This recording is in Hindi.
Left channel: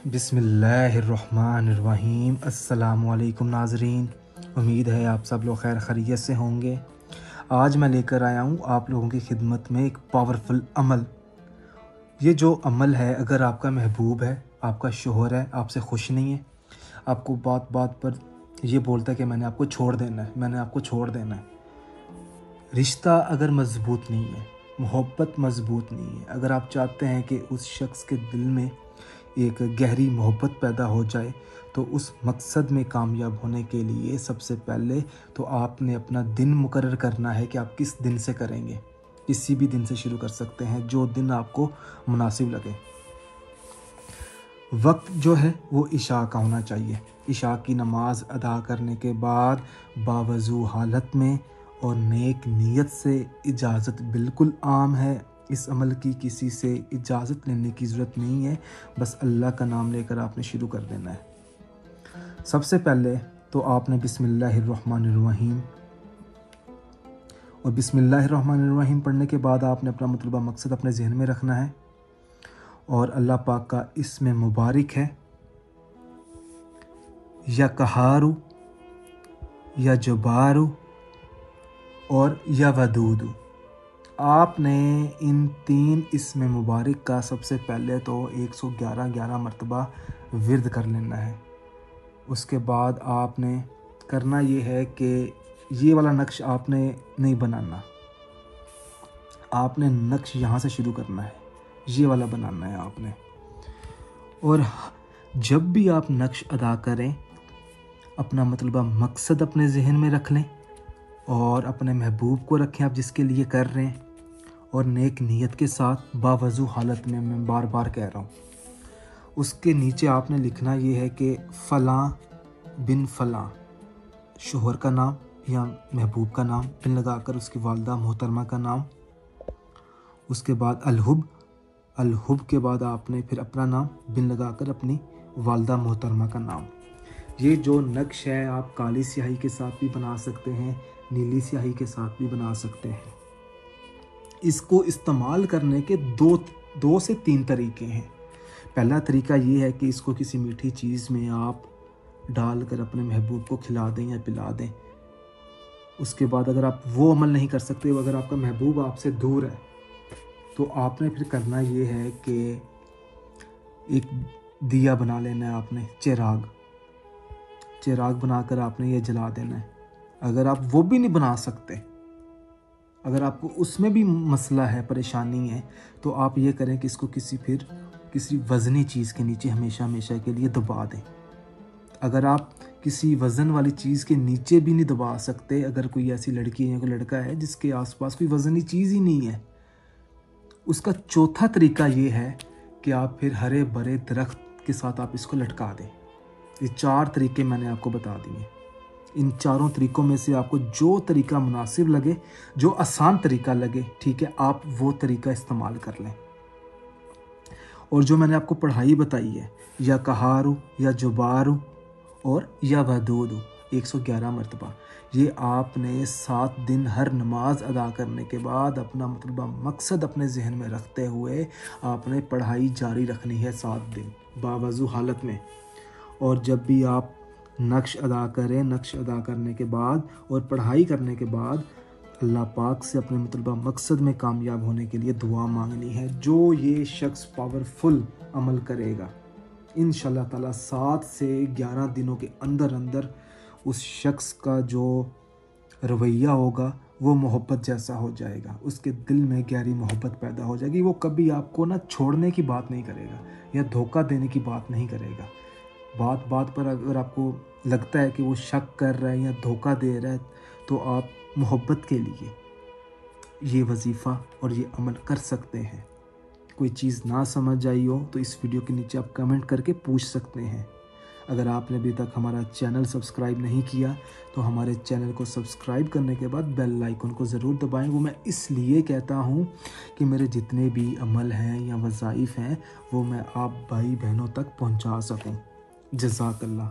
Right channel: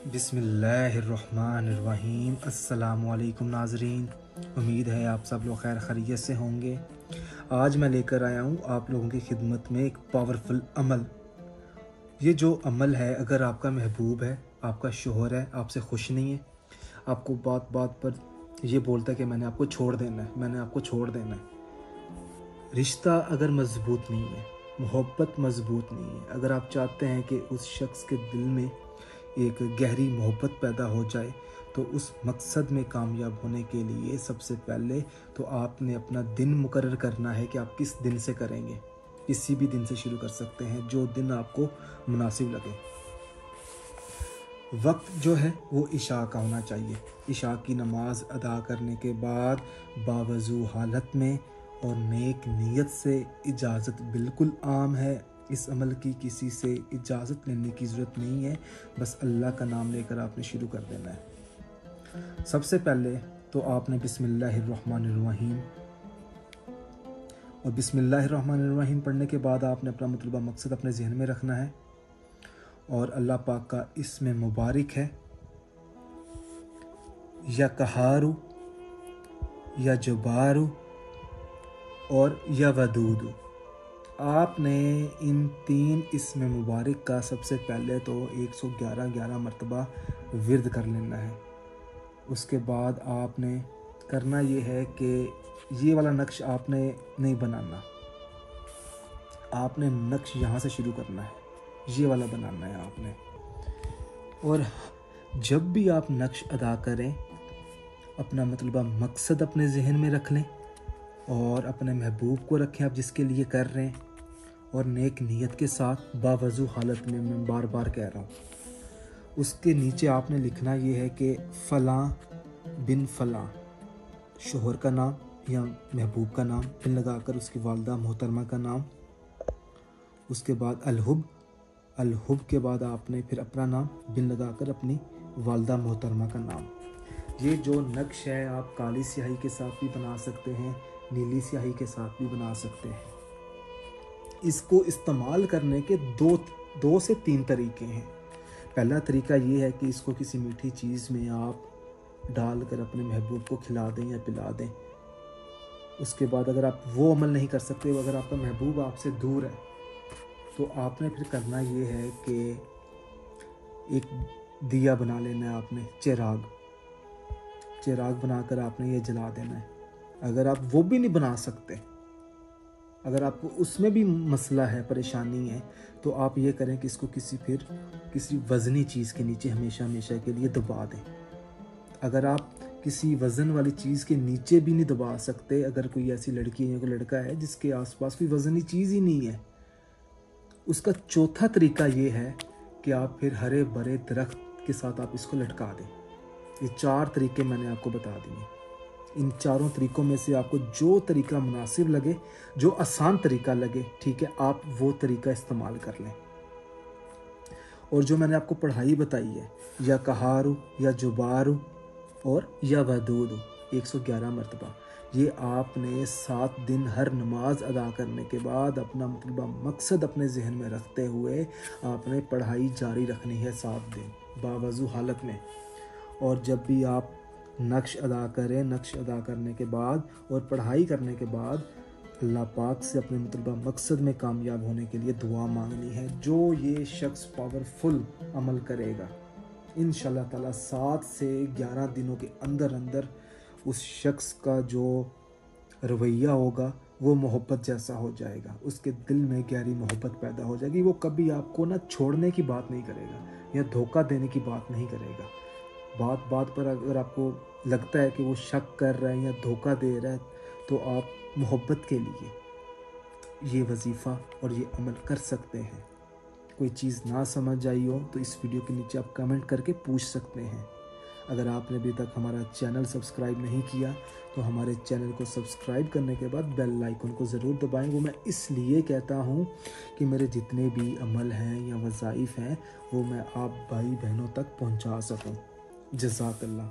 बिस्मिल्लाहिर्रहमानिर्रहीम। अस्सलामुअलैकुम नाज़रीन, उम्मीद है आप सब लोग खैर खैरियत से होंगे। आज मैं लेकर आया हूँ आप लोगों की खिदमत में एक पावरफुल अमल। ये जो अमल है, अगर आपका महबूब है, आपका शोहर है, आपसे खुश नहीं है, आपको बात बात पर ये बोलता है कि मैंने आपको छोड़ देना है, मैंने आपको छोड़ देना है, रिश्ता अगर मजबूत नहीं है, मोहब्बत मजबूत नहीं है, अगर आप चाहते हैं कि उस शख्स के दिल में एक गहरी मोहब्बत पैदा हो जाए, तो उस मकसद में कामयाब होने के लिए सबसे पहले तो आपने अपना दिन मुकर्रर करना है कि आप किस दिन से करेंगे। किसी भी दिन से शुरू कर सकते हैं, जो दिन आपको मुनासिब लगे। वक्त जो है वो इशा का होना चाहिए। इशा की नमाज अदा करने के बाद बावजू हालत में और नेक नीयत से, इजाज़त बिल्कुल आम है, इस अमल की किसी से इजाज़त लेने की ज़रूरत नहीं है, बस अल्लाह का नाम लेकर आपने शुरू कर देना है। सबसे पहले तो आपने बिस्मिल्लाहिर्रहमानिर्रहीम और बिस्मिल्लाहिर्रहमानिर्रहीम पढ़ने के बाद आपने अपना मतलबा मकसद अपने जहन में रखना है और अल्लाह पाक का इसमें मुबारक है, या कहारू, या जुबारू और या वदूदू। आपने इन तीन इसमें मुबारक का सबसे पहले तो 111 मरतबा विर्द कर लेना है। उसके बाद आपने करना ये है कि ये वाला नक्श आपने नहीं बनाना, आपने नक्श यहाँ से शुरू करना है, ये वाला बनाना है आपने। और जब भी आप नक्श अदा करें, अपना मतलबा मकसद अपने जहन में रख लें और अपने महबूब को रखें आप जिसके लिए कर रहे हैं, और नेक नीयत के साथ बावजू हालत में, मैं बार बार कह रहा हूँ, उसके नीचे आपने लिखना ये है कि फ़लाँ बिन फ़लाँ, शोहर का नाम या महबूब का नाम, बिन लगाकर उसकी वालदा मोहतरमा का नाम। उसके बाद अलहुब, अलहुब के बाद आपने फिर अपना नाम, बिन लगाकर अपनी वालदा मोहतरमा का नाम। ये जो नक्श है आप काली स्याही के साथ भी बना सकते हैं, नीली स्याही के साथ भी बना सकते हैं। इसको इस्तेमाल करने के दो से तीन तरीके हैं। पहला तरीका ये है कि इसको किसी मीठी चीज़ में आप डालकर अपने महबूब को खिला दें या पिला दें। उसके बाद अगर आप वो अमल नहीं कर सकते, अगर आपका महबूब आपसे दूर है, तो आपने फिर करना ये है कि एक दिया बना लेना है आपने, चिराग बनाकर आपने ये जला देना है। अगर आप वो भी नहीं बना सकते, अगर आपको उसमें भी मसला है, परेशानी है, तो आप ये करें कि इसको किसी वज़नी चीज़ के नीचे हमेशा के लिए दबा दें। अगर आप किसी वज़न वाली चीज़ के नीचे भी नहीं दबा सकते, अगर कोई ऐसी लड़की है या कोई लड़का है जिसके आसपास कोई वज़नी चीज़ ही नहीं है, उसका चौथा तरीका ये है कि आप फिर हरे भरे दरख्त के साथ आप इसको लटका दें। ये 4 तरीके मैंने आपको बता दिए। इन चारों तरीकों में से आपको जो तरीका मुनासिब लगे, जो आसान तरीका लगे, ठीक है, आप वो तरीका इस्तेमाल कर लें। और जो मैंने आपको पढ़ाई बताई है, या कहारू, या जुबारू और या वदूदू, 111 मरतबा, ये आपने 7 दिन हर नमाज अदा करने के बाद अपना मतलबा मकसद अपने जहन में रखते हुए आपने पढ़ाई जारी रखनी है 7 दिन बावजू हालत में। और जब भी आप नक्श अदा करें, नक्श अदा करने के बाद और पढ़ाई करने के बाद अल्लाह पाक से अपने मतलबा मकसद में कामयाब होने के लिए दुआ मांगनी है। जो ये शख्स पावरफुल अमल करेगा, इंशाल्लाह ताला 7 से 11 दिनों के अंदर अंदर उस शख्स का जो रवैया होगा वो मोहब्बत जैसा हो जाएगा, उसके दिल में गहरी मोहब्बत पैदा हो जाएगी। वो कभी आपको ना छोड़ने की बात नहीं करेगा या धोखा देने की बात नहीं करेगा। बात बात पर अगर आपको लगता है कि वो शक कर रहा है या धोखा दे रहा है, तो आप मोहब्बत के लिए ये वजीफ़ा और ये अमल कर सकते हैं। कोई चीज़ ना समझ आई हो तो इस वीडियो के नीचे आप कमेंट करके पूछ सकते हैं। अगर आपने अभी तक हमारा चैनल सब्सक्राइब नहीं किया, तो हमारे चैनल को सब्सक्राइब करने के बाद बेल आइकन को ज़रूर दबाएं। वो मैं इसलिए कहता हूँ कि मेरे जितने भी अमल हैं या वज़ाइफ हैं, वो मैं आप भाई बहनों तक पहुँचा सकूँ। जज़ाकल्लाह।